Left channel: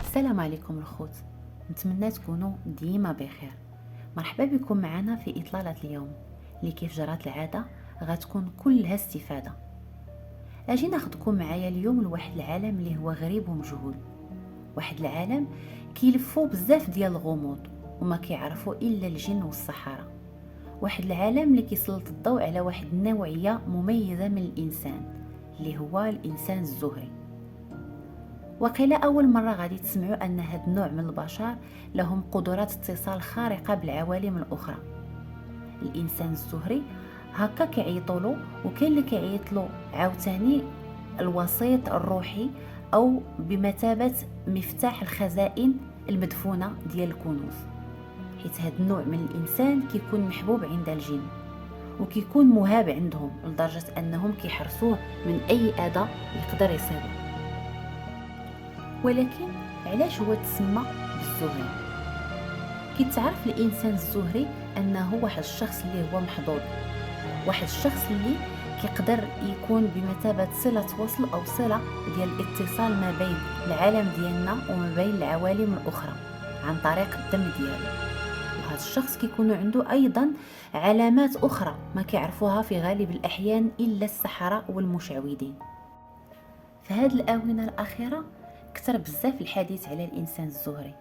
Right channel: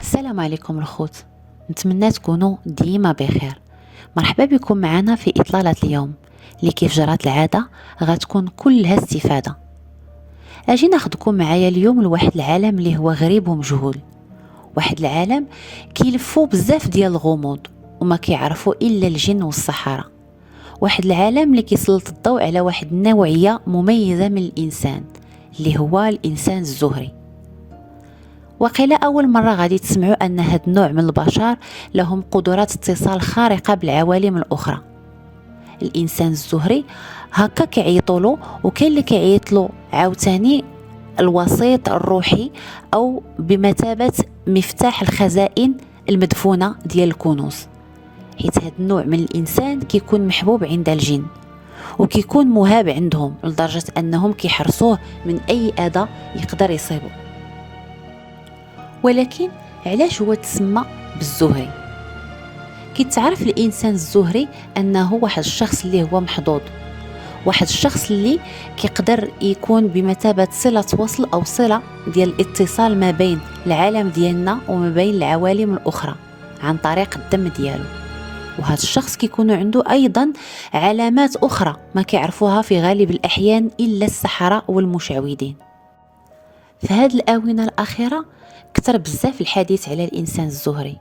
السلام عليكم الخوت، نتمنى تكونوا ديما بخير. مرحبا بكم معنا في إطلالة اليوم اللي كيف جرات العادة غتكون كلها استفادة. اجي ناخدكم معايا اليوم لواحد العالم اللي هو غريب ومجهول، واحد العالم كيلفو بزاف ديال الغموض وما كيعرفوا الا الجن والصحراء. واحد العالم اللي كيسلط الضوء على واحد النوعية مميزة من الإنسان اللي هو الإنسان الزهري. وقيل أول مرة غادي تسمعوا أن هاد النوع من البشر لهم قدرات اتصال خارقة بالعوالم الأخرى. الإنسان الزهري هكا كيعيطولو، وكاين اللي كيعيطلو عاوتاني الوسيط الروحي أو بمثابة مفتاح الخزائن المدفونة ديال الكنوز، حيت هاد النوع من الإنسان كيكون محبوب عند الجن وكيكون مهاب عندهم لدرجة أنهم كيحرصوه من أي أذى يقدر يصيبه. ولكن علاش هو تسمى بالزهري؟ كيتعرف الانسان الزهري انه واحد الشخص اللي هو محظوظ، واحد الشخص اللي كيقدر يكون بمثابه صله وصل او صله ديال الاتصال ما بين العالم ديالنا وما بين العوالم الاخرى عن طريق الدم ديالو. وهذا الشخص كيكون عنده ايضا علامات اخرى ما كيعرفوها في غالب الاحيان الا السحرة والمشعوذين. في هذه الاونه الاخيره كثر بزاف الحديث على الإنسان الزهري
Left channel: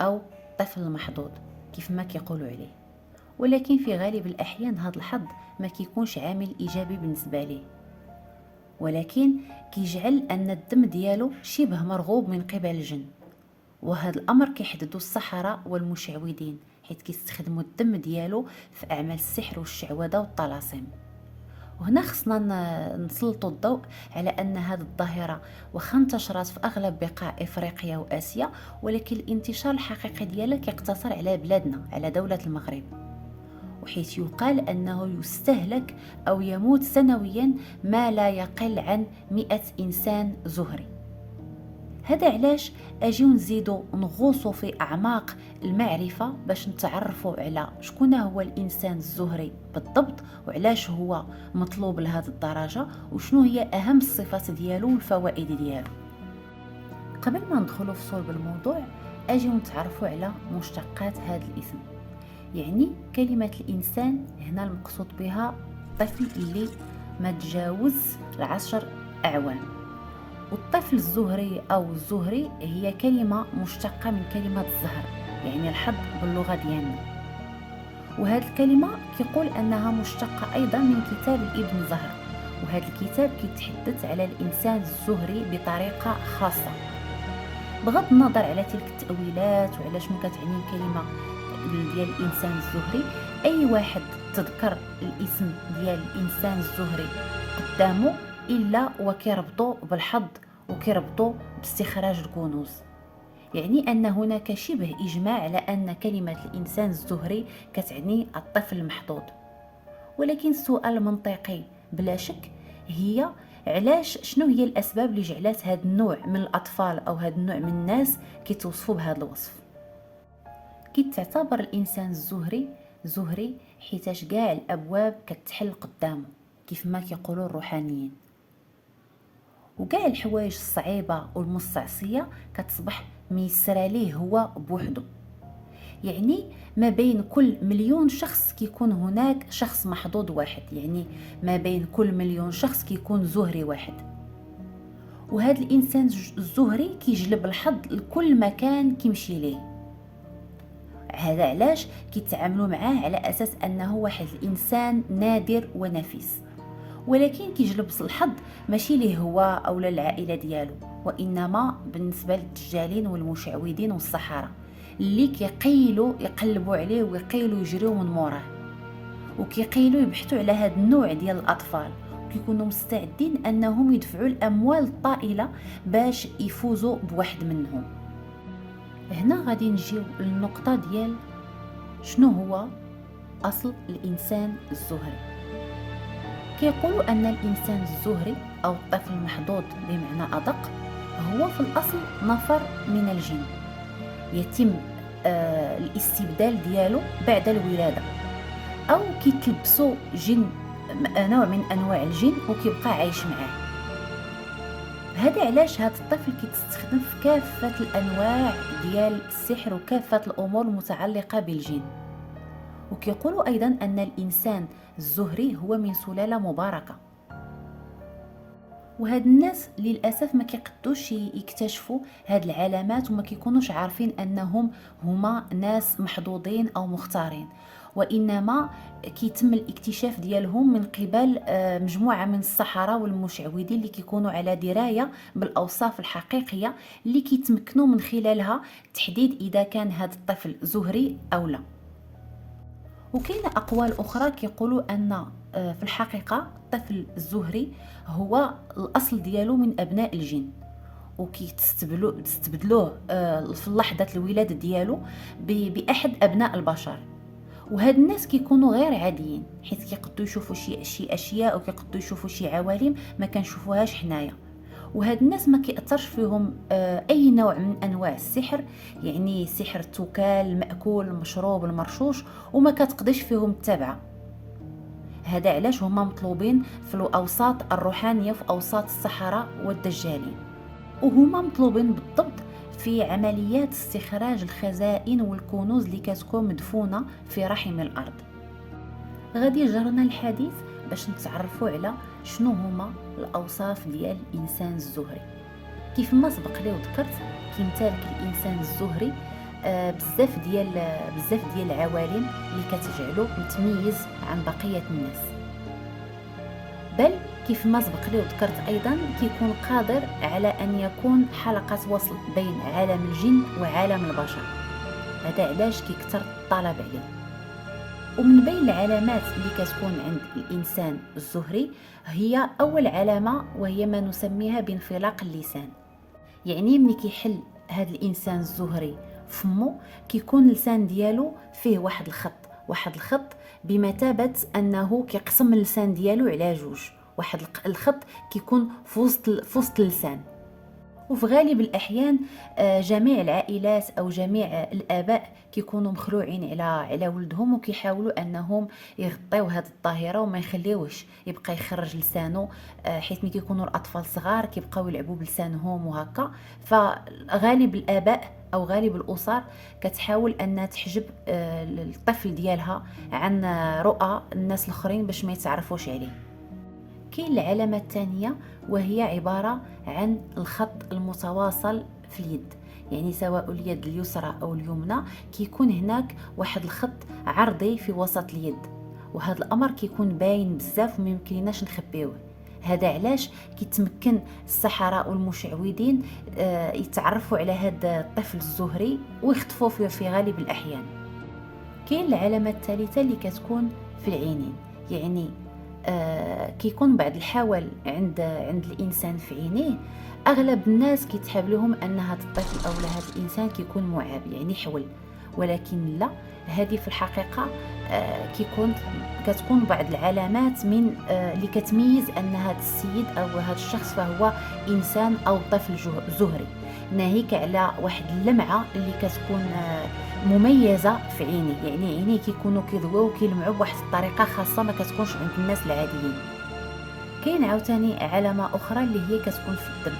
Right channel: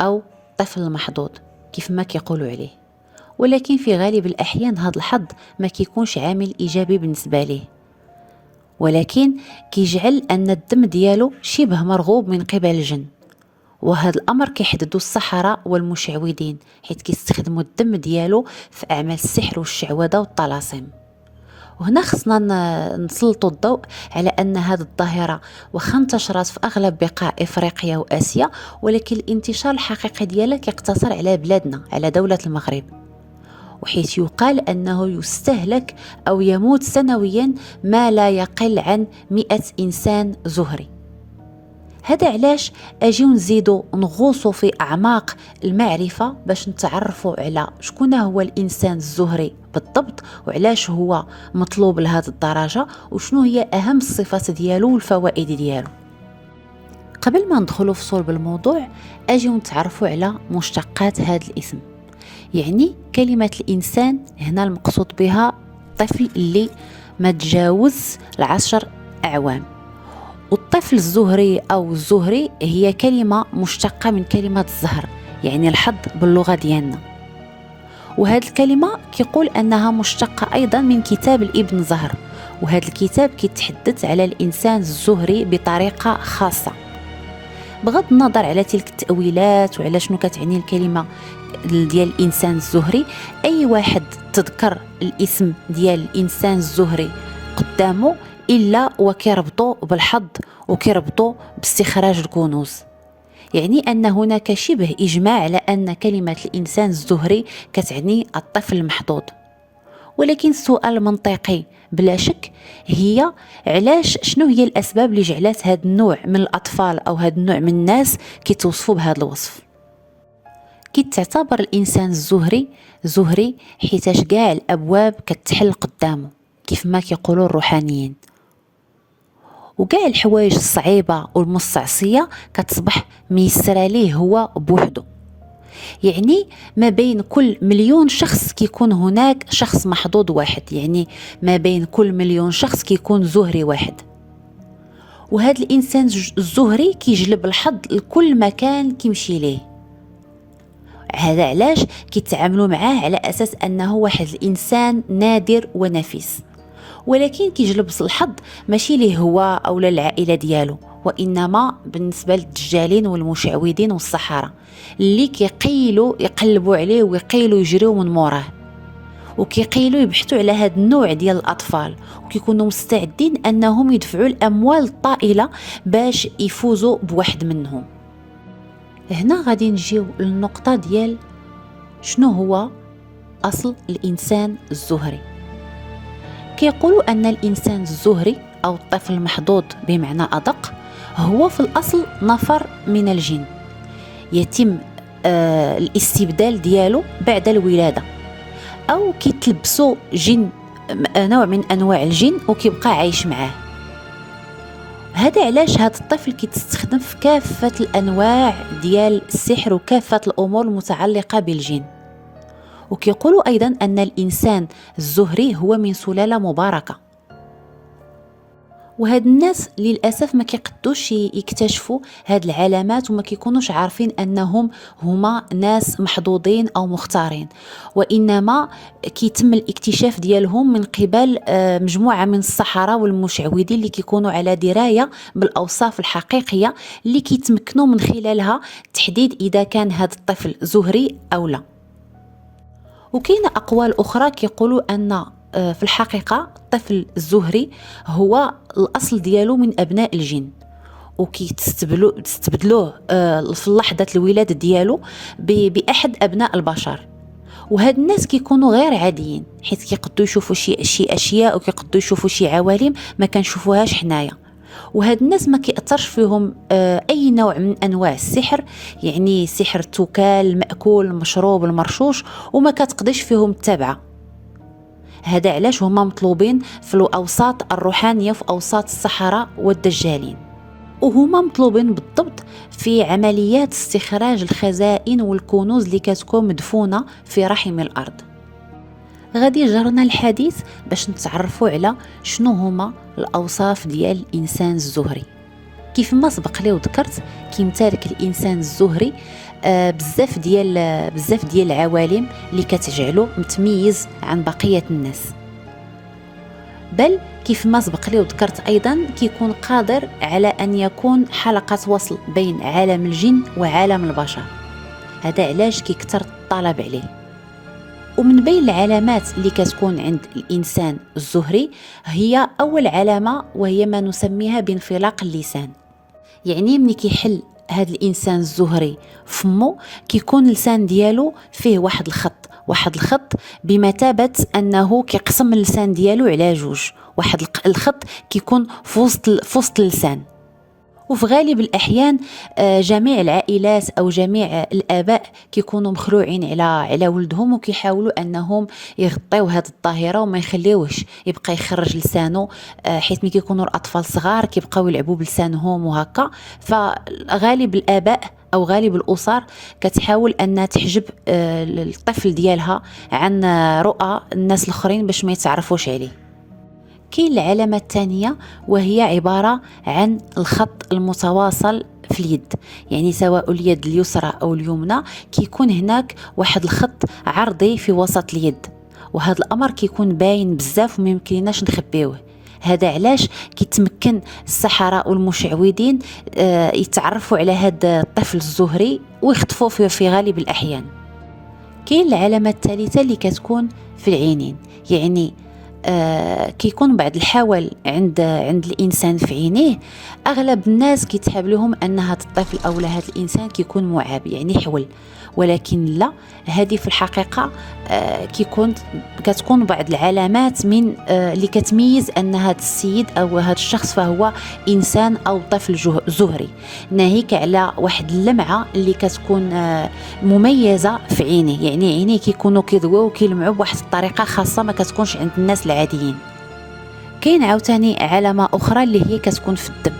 أو الطفل المحظوظ كيف ما كيقولوا عليه، ولكن في غالب الأحيان هذا الحظ ما كيكونش عامل إيجابي بالنسبة ليه، ولكن كيجعل أن الدم ديالو شبه مرغوب من قبل الجن. وهذا الأمر كيحددو السحرة والمشعوذين حيث كيستخدموا الدم ديالو في أعمال السحر والشعوذة والطلاسم. وهنا خصنا نسلطوا الضوء على أن هذه الظاهرة واخا انتشرت في أغلب بقاع إفريقيا وآسيا، ولكن الانتشار الحقيقي ديالها كيقتصر على بلادنا، على دولة المغرب، وحيث يقال أنه يستهلك أو يموت سنويا ما لا يقل عن 100 إنسان زهري. هذا علاش اجيو نزيدو نغوصوا في اعماق المعرفه باش نتعرفوا على شكون هو الانسان الزهري بالضبط، وعلاش هو مطلوب لهذه الدرجه، وشنو هي اهم الصفات ديالو والفوائد ديالو. قبل ما ندخلوا في صلب الموضوع اجيو نتعرفوا على مشتقات هذا الاسم. يعني كلمه الانسان هنا المقصود بها الطفل اللي ما تجاوز 10 اعوام، والطفل الزهري أو الزهري هي كلمة مشتقة من كلمة الزهر، يعني الحظ باللغة ديالنا. وهذه الكلمة كيقول أنها مشتقة أيضا من كتاب الابن زهر، وهذا الكتاب كيتحدث على الإنسان الزهري بطريقة خاصة. بغض النظر على تلك التأويلات وعلى شنو كتعني الكلمة ديال الإنسان الزهري، أي واحد تذكر الاسم ديال الإنسان الزهري قدامه إلا وكيربطوا بالحظ وكيربطوا باستخراج الكنوز. يعني أن هناك شبه إجماع على أن كلمة الإنسان الزهري كتعني الطفل المحظوظ. ولكن السؤال المنطقي بلا شك هي علاش، شنو هي الأسباب اللي جعلت هذا النوع من الأطفال أو هذا النوع من الناس كيتوصفوا بهذا الوصف؟ كيتعتبر الإنسان الزهري زهري حيتاش كاع الأبواب كتحل قدامه كيف ما كيقولوا الروحانيين، وكاع الحوايج الصعيبة والمستعصية كتصبح ميسرة ليه هو بوحده. يعني ما بين كل مليون شخص كيكون هناك شخص محظوظ واحد، يعني ما بين كل مليون شخص كيكون زهري واحد. وهذا الإنسان الزهري كيجلب الحظ لكل مكان كيمشي ليه. هذا علاش كيتعاملوا معاه على أساس أنه واحد الإنسان نادر ونفيس، ولكن كيجلب الحظ ماشي ليه هو أو للعائلة ديالو، وإنما بالنسبة للدجالين والمشعوذين والسحرة اللي كيقيلوا يقلبوا عليه ويقيلوا يجريوا من موراه، وكيقيلوا يبحثوا على هذا النوع ديال الأطفال، وكيكونوا مستعدين أنهم يدفعوا الأموال الطائلة باش يفوزوا بواحد منهم. هنا غادي نجيو للنقطة ديال شنو هو أصل الإنسان الزهري. كيقولوا أن الإنسان الزهري أو الطفل المحظوظ بمعنى أدق هو في الأصل نفر من الجن، يتم الاستبدال ديالو بعد الولادة، أو كيتلبسوا جن، نوع من أنواع الجن، وكيبقى عايش معاه. هذا علاش هذا الطفل كيتستخدم في كافة الأنواع ديال السحر وكافة الأمور المتعلقة بالجن. وكيقولوا أيضا أن الإنسان الزهري هو من سلالة مباركة، وهاد الناس للأسف ما كيقدوش يكتشفوا هاد العلامات، وما كيكونوش عارفين أنهم هما ناس محظوظين أو مختارين، وإنما كيتم الاكتشاف ديالهم من قبل مجموعة من السحرة والمشعوذين اللي كيكونوا على دراية بالأوصاف الحقيقية اللي كيتمكنوا من خلالها تحديد إذا كان هاد الطفل زهري أو لا. وكاين أقوال أخرى كيقولوا أن في الحقيقة الطفل الزهري هو الأصل ديالو من أبناء الجن، وكيتستبدلوه في لحظة الولادة ديالو بأحد أبناء البشر. وهاد الناس كيكونوا غير عاديين، حيث كيقدروا يشوفوا شي أشياء، وكيقدروا يشوفوا شي عوالم ما كنشوفوهاش حنايا. وهاد الناس ما كيأثرش فيهم أي نوع من أنواع السحر، يعني سحر التكال، المأكول، المشروب، المرشوش، وما كتقدش فيهم التبعة. هذا علاش هما مطلوبين في الأوساط الروحانية، في أوساط السحرة والدجالين، وهما مطلوبين بالضبط في عمليات استخراج الخزائن والكنوز اللي كتكون مدفونة في رحم الأرض. غادي يجرنا الحديث باش نتعرفوا على شنو هما الأوصاف ديال الإنسان الزهري. كيف ما سبق لي وذكرت، كيمتلك الإنسان الزهري بزاف ديال العوالم اللي كتجعله متميز عن بقية الناس، بل كيف ما سبق لي وذكرت أيضا كيكون قادر على أن يكون حلقة وصل بين عالم الجن وعالم البشر. هذا علاش كيكثر الطلب عليه. ومن بين العلامات اللي كتكون عند الإنسان الزهري هي أول علامة، وهي ما نسميها بانفلاق اللسان. يعني ملي كيحل هذا الإنسان الزهري فمو، كيكون اللسان ديالو فيه واحد الخط بمثابة أنه كيقسم اللسان ديالو على جوج، واحد الخط كيكون في وسط اللسان. وفي غالب الأحيان جميع العائلات أو جميع الآباء كيكونوا مخلوعين على ولدهم، وكيحاولوا أنهم يغطيو هذه الظاهرة وما يخليوش يبقى يخرج لسانه، حيث ملي كيكونوا الأطفال صغار كيبقاو يلعبوا بلسانهم وهكا. فغالب الآباء أو غالب الأسر كتحاول أن تحجب الطفل ديالها عن رؤى الناس الآخرين باش ما يتعرفوش عليه. كاين العلامة الثانية، وهي عبارة عن الخط المتواصل في اليد، يعني سواء اليد اليسرى أو اليمنى كيكون هناك واحد الخط عرضي في وسط اليد، وهذا الأمر كيكون باين بزاف وما يمكنناش نخبيوه. هذا علاش كيتمكن السحرة والمشعوذين يتعرفوا على هذا الطفل الزهري ويخطفوه في غالب الأحيان. كاين العلامة الثالثة اللي كتكون في العينين، يعني كيكون بعض الحول عند الإنسان في عينيه. أغلب الناس كيتحاب لهم أن هذا الطفل أو هذا الإنسان كيكون معاب، يعني حول، ولكن لا، هذه في الحقيقة كتكون بعض العلامات من اللي كتميز أن هذا السيد أو هذا الشخص فهو إنسان أو طفل زهري، ناهيك على واحد اللمعة اللي كتكون مميزة في عينيه، يعني عينيه كيكونوا كيضويو وكيلمعوا بواحد الطريقة خاصة ما كتكونش عند الناس العاديين. كاين عاوتاني علامة أخرى اللي هي كتكون في الدم،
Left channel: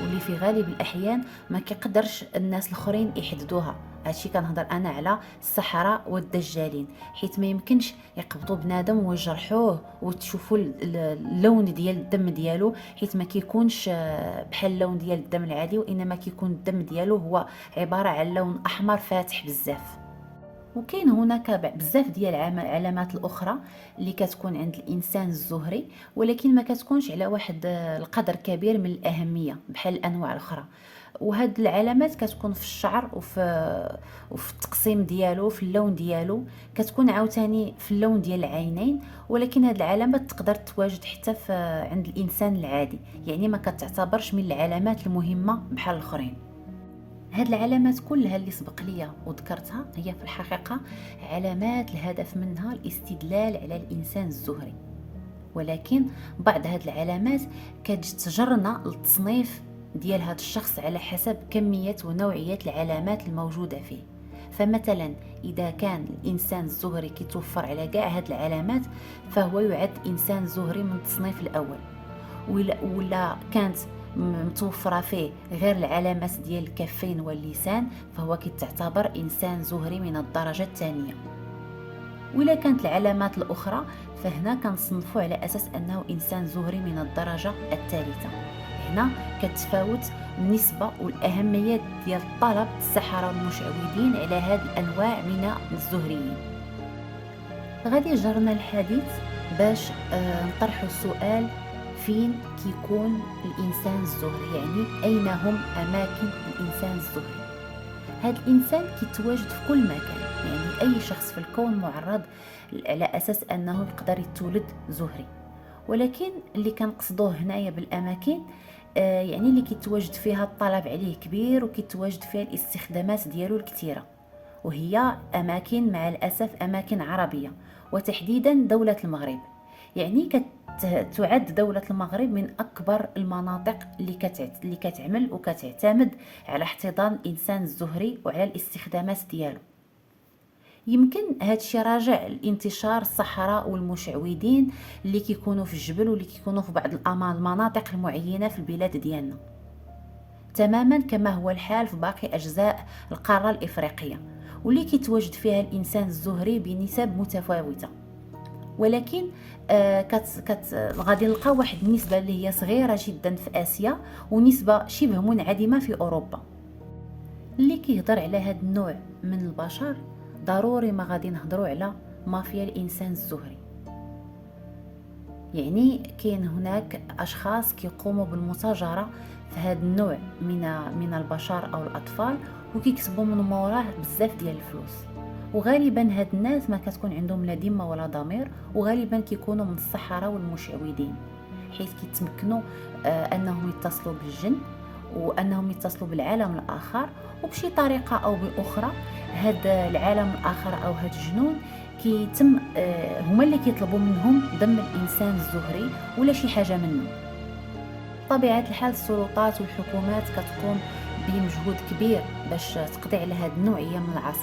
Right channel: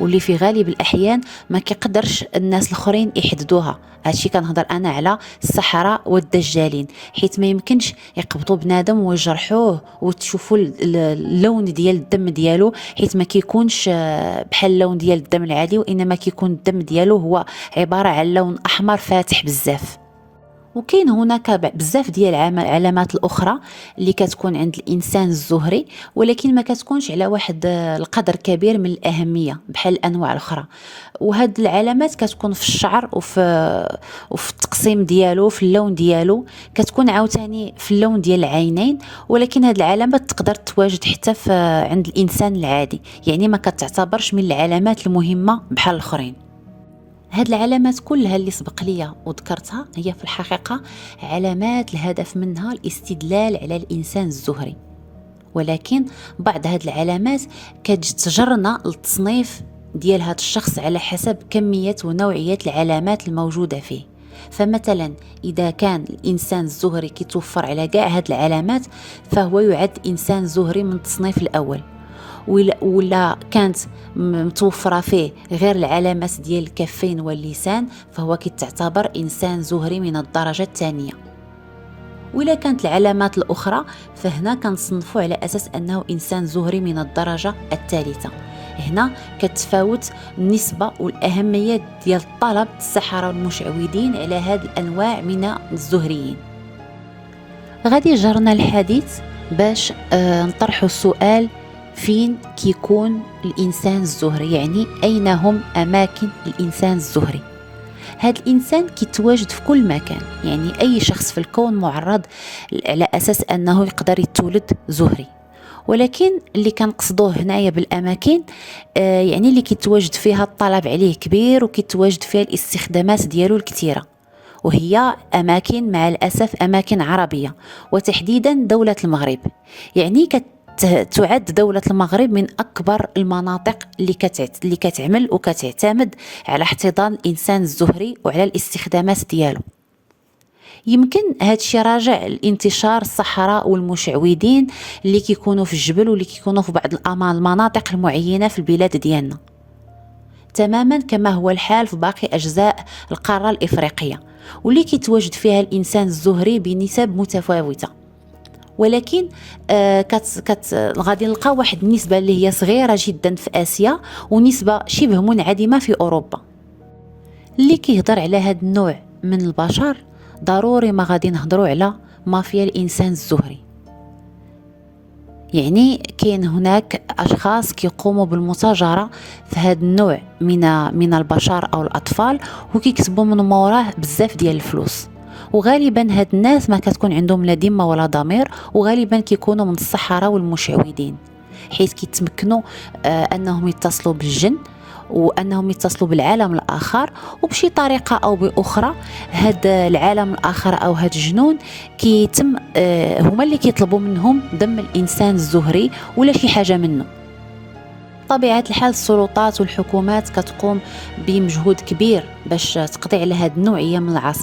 واللي في غالب الأحيان ما كيقدرش الناس الآخرين يحددوها. هادشي كنهضر أنا على السحرة والدجالين، حيث ما يمكنش يقبضوا بنادم ويجرحوه وتشوفوا اللون ديال الدم ديالو، حيث ما كيكونش بحال اللون ديال الدم العادي، وإنما كيكون الدم ديالو هو عبارة عن لون أحمر فاتح بزاف. وكاين هناك بزاف ديال العلامات الاخرى اللي كتكون عند الانسان الزهري، ولكن ما كتكونش على واحد القدر كبير من الاهميه بحال الانواع الاخرى. وهاد العلامات كتكون في الشعر وفي التقسيم ديالو، في اللون ديالو، كتكون عاوتاني في اللون ديال العينين. ولكن هاد العلامات تقدر تواجد حتى عند الانسان العادي، يعني ما كتعتبرش من العلامات المهمه بحال الاخرين. هاد العلامات كلها اللي سبق ليا وذكرتها هي في الحقيقة علامات الهدف منها الاستدلال على الإنسان الزهري، ولكن بعض هاد العلامات كتجرنا للتصنيف ديال هاد الشخص على حسب كمية ونوعية العلامات الموجودة فيه. فمثلا إذا كان الإنسان الزهري كيتوفر على كاع هاد العلامات فهو يعد إنسان زهري من التصنيف الأول. ولا كانت متوفرة فيه غير العلامات ديال الكفين واللسان فهو كتعتبر إنسان زهري من الدرجة الثانية. وإلا كانت العلامات الأخرى فهنا كنصنفوا على أساس أنه إنسان زهري من الدرجة الثالثة. هنا كتفاوت النسبة والأهمية ديال طلب السحرة والمشعوذين على هذه الأنواع من الزهريين. غادي جرنا الحديث باش نطرحوا السؤال: فين كيكون الإنسان الزهري؟ يعني أين هم أماكن الإنسان الزهري؟ هذا الإنسان كيتواجد في كل مكان، يعني أي شخص في الكون معرض على أساس أنه يقدر يتولد زهري. ولكن اللي كنقصدوه هنايا بالأماكن يعني اللي كيتواجد فيها الطلب عليه كبير وكيتواجد فيها الاستخدامات ديالو الكثيرة، وهي أماكن مع الأسف أماكن عربية، وتحديدا دولة المغرب. يعني تعد دولة المغرب من أكبر المناطق اللي كتعمل وكتعتمد على احتضان الإنسان الزهري وعلى الاستخدامات ديالو. يمكن هذا الشيء راجع لانتشار السحرة والمشعوذين اللي كيكونوا في الجبل واللي كيكونوا في بعض المناطق المعينة في البلاد ديالنا، تماما كما هو الحال في باقي أجزاء القارة الإفريقية، واللي كيتواجد فيها الإنسان الزهري بنسب متفاوتة. ولكن غادي نلقى واحد النسبة اللي هي صغيرة جدا في آسيا ونسبة شبه منعدمة في أوروبا. اللي كيهضر على هذا النوع من البشر ضروري ما غادي نهضروا على مافيا الإنسان الزهري. يعني كاين هناك أشخاص كيقوموا بالمتاجرة في هذا النوع من البشر أو الأطفال وكيكسبوا من موراه بزاف ديال الفلوس. وغالبا هاد الناس ما كتكون عندهم لا ذمه ولا ضمير، وغالبا كيكونوا من السحرة والمشعوذين، حيث كيتمكنوا انهم يتصلوا بالجن وانهم يتصلوا بالعالم الاخر، وبشي طريقه او باخرى هذا العالم الاخر او هذا الجنون كيتم هما اللي كيطلبوا منهم دم الانسان الزهري ولا شي حاجه منه. طبيعة الحال السلطات والحكومات كتقوم بمجهود كبير باش تقضي على هذه النوعية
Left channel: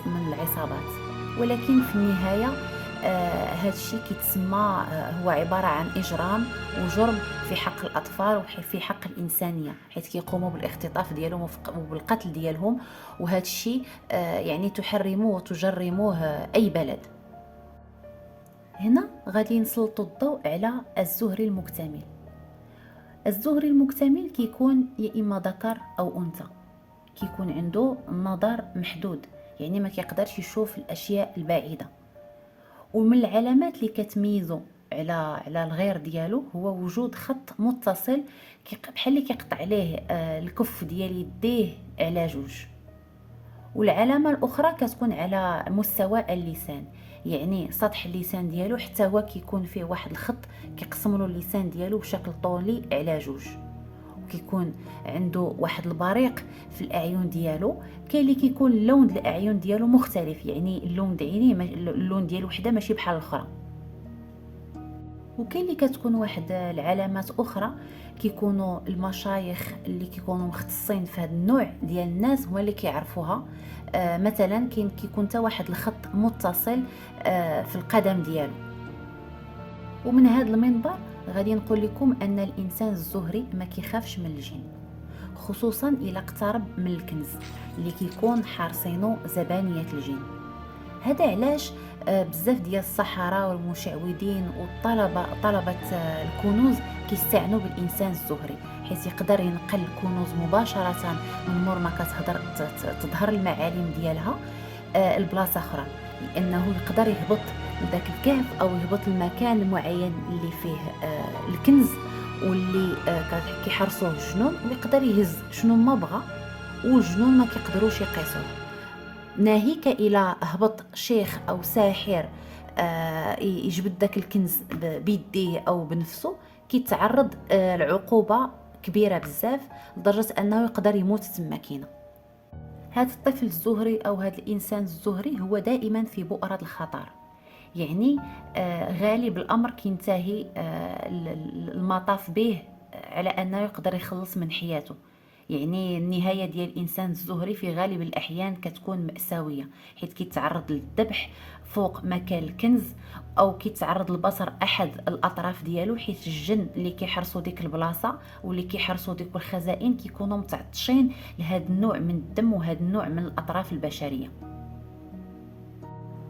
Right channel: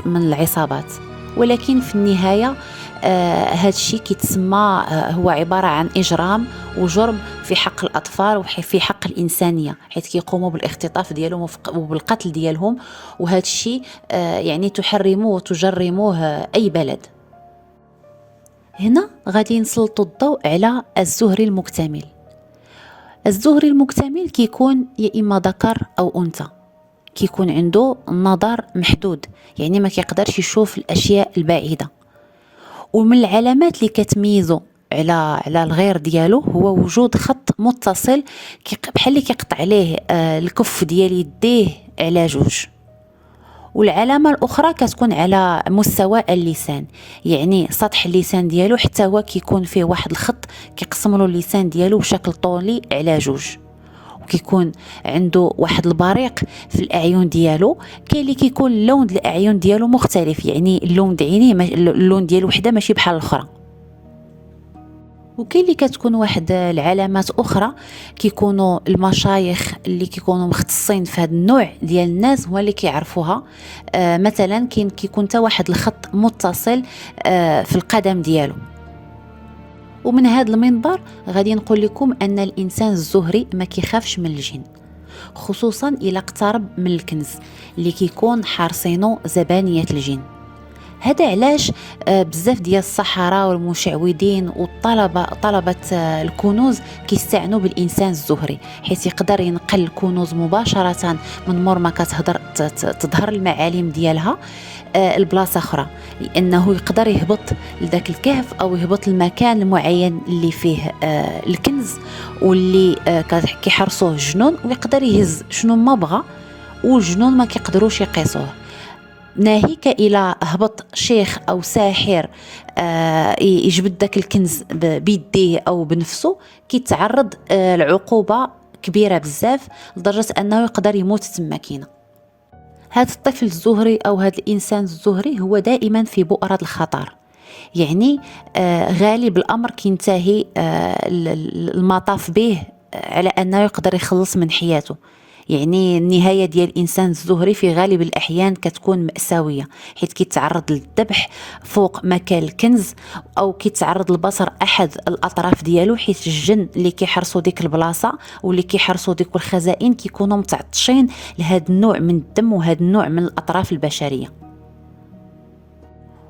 من العصابات، ولكن في النهاية هذا الشيء كيتسمى هو عبارة عن إجرام وجرم في حق الأطفال وفي حق الإنسانية، حيث كيقوموا بالاختطاف ديالهم وبالقتل ديالهم، وهذا الشيء يعني تحرموه وتجرموه أي بلد. هنا غادي نسلطوا الضوء على الزهري المكتمل. الزهري المكتمل كيكون يا إما ذكر أو أنثى، كيكون عنده النظر محدود، يعني ما كيقدرش يشوف الأشياء البعيدة. ومن العلامات اللي كتميزه على الغير ديالو هو وجود خط متصل بحال اللي كيقطع عليه الكف ديال يديه على جوج. والعلامة الأخرى كتكون على مستوى اللسان، يعني سطح اللسان ديالو حتى هو كيكون فيه واحد الخط كيقسم له اللسان ديالو بشكل طولي على جوج. وكيكون عنده واحد البريق في الأعين ديالو، كاين اللي كيكون اللون ديال الأعين ديالو مختلف، يعني اللون د عينيه اللون ديال وحده ماشي بحال الأخرى. وكاين اللي كتكون واحد العلامات اخرى كيكونوا المشايخ اللي كيكونوا مختصين في هذا النوع ديال الناس هو اللي كيعرفوها. مثلا كيكون حتى واحد الخط متصل في القدم ديالو. ومن هذا المنبر غادي نقول لكم ان الانسان الزهري ما كيخافش من الجن، خصوصا الى اقترب من الكنز اللي كيكون حارسينه زبانيه الجن. هذا علاش بزاف ديال السحرة والمشعوذين طلبة الكنوز كيستعنوا بالإنسان الزهري، حيث يقدر ينقل الكنوز مباشرة من مور ما تظهر المعالم ديالها البلاصة أخرى، لأنه يقدر يهبط لذاك الكهف أو يهبط المكان المعين اللي فيه الكنز واللي كيحرسوه الجنون، ويقدر يهز شنو ما بغى والجنون ما كيقدروش يقيسوه. ناهيك إلى هبط شيخ أو ساحر يجبد داك الكنز بيديه أو بنفسه، كيتعرض لعقوبة كبيرة بزاف لدرجة أنه يقدر يموت تماكينه. هذا الطفل الزهري أو هذا الإنسان الزهري هو دائما في بؤرة الخطر، يعني غالب الأمر كينتهي المطاف به على أنه يقدر يخلص من حياته. يعني النهاية ديال الإنسان الزهري في غالب الأحيان كتكون مأساوية، حيث كيتعرض للذبح فوق مكان الكنز، أو كيتعرض لبصر أحد الأطراف ديالو، حيث الجن اللي كيحرسوا ديك البلاصة واللي كيحرسوا ديك الخزائن كيكونوا متعطشين لهذا النوع من الدم وهذا النوع من الأطراف البشرية.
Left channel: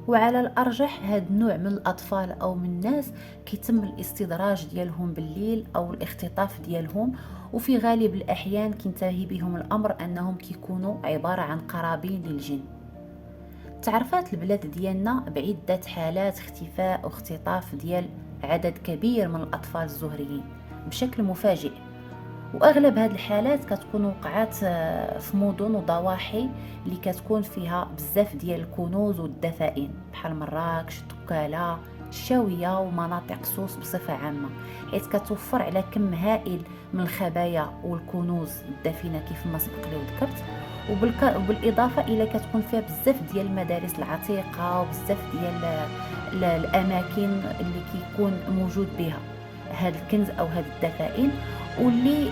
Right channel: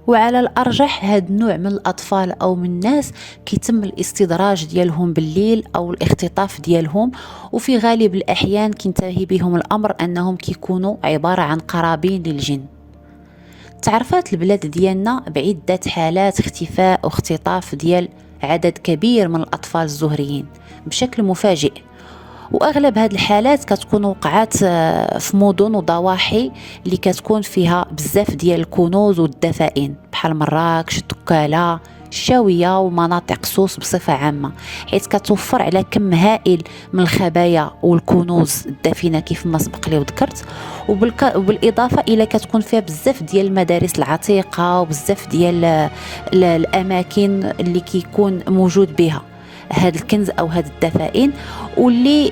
وعلى الأرجح هذا النوع من الأطفال أو من الناس كيتم الاستدراج ديالهم بالليل أو الاختطاف ديالهم، وفي غالب الأحيان كينتهي بهم الأمر أنهم كيكونوا عبارة عن قرابين للجن. تعرفات البلاد ديالنا بعدة حالات اختفاء واختطاف ديال عدد كبير من الأطفال الزهريين بشكل مفاجئ، واغلب هذه الحالات كتكون وقعات في مدن وضواحي اللي كتكون فيها بزاف ديال الكنوز والدفائن بحال مراكش، دكالة، الشاوية ومناطق سوس بصفة عامة، حيث كتوفر على كم هائل من الخبايا والكنوز الدفينة كيف ما سبق لي وذكرت. وبالإضافة إلى كتكون فيها بزاف ديال المدارس العتيقة وبزاف ديال الأماكن اللي كيكون موجود بها هذا الكنز أو هذه الدفائن، واللي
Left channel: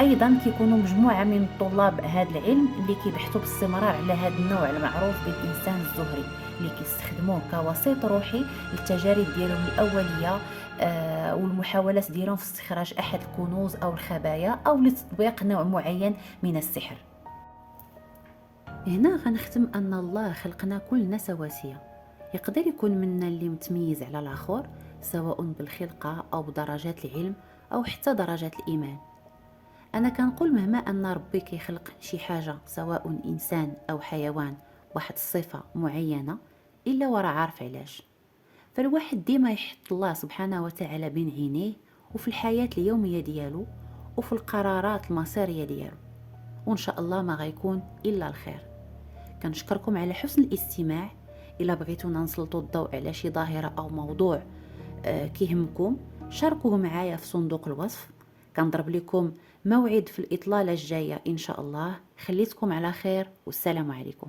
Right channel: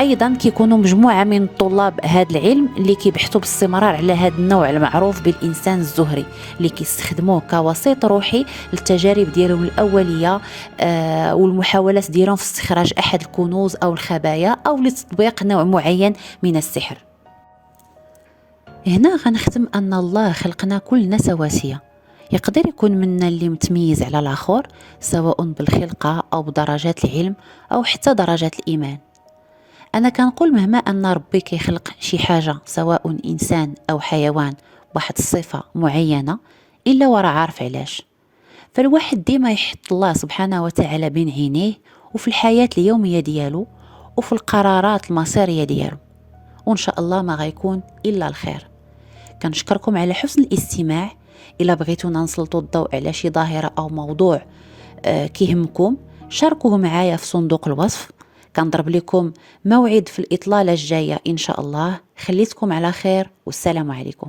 أيضا كيكونوا مجموعة من طلاب هذا العلم اللي كيبحثوا باستمرار على هذا النوع المعروف بالإنسان الزهري، اللي كيستخدموه كوسيط روحي للتجارب ديالهم الأولية والمحاولات ديالهم في استخراج أحد الكنوز أو الخبايا أو لتطبيق نوع معين من السحر. هنا غنختم أن الله خلقنا كلنا سواسية، يقدر يكون منا اللي متميز على الآخر سواء بالخلقة أو بدرجات العلم أو حتى درجات الإيمان. أنا كنقول مهما أن ربي كيخلق شي حاجة سواء إنسان أو حيوان بواحد الصفة معينة إلا ورا عارف علاش، فالواحد ديما يحط الله سبحانه وتعالى بين عينيه وفي الحياة اليومية ديالو وفي القرارات المصيرية ديالو، وإن شاء الله ما غيكون إلا الخير. كنشكركم على حسن الاستماع. إلا بغيتونا نسلطوا الضوء على شي ظاهرة أو موضوع كيهمكم شاركوه معايا في صندوق الوصف. كنضرب لكم موعد في الإطلالة الجاية إن شاء الله. خليتكم على خير والسلام عليكم.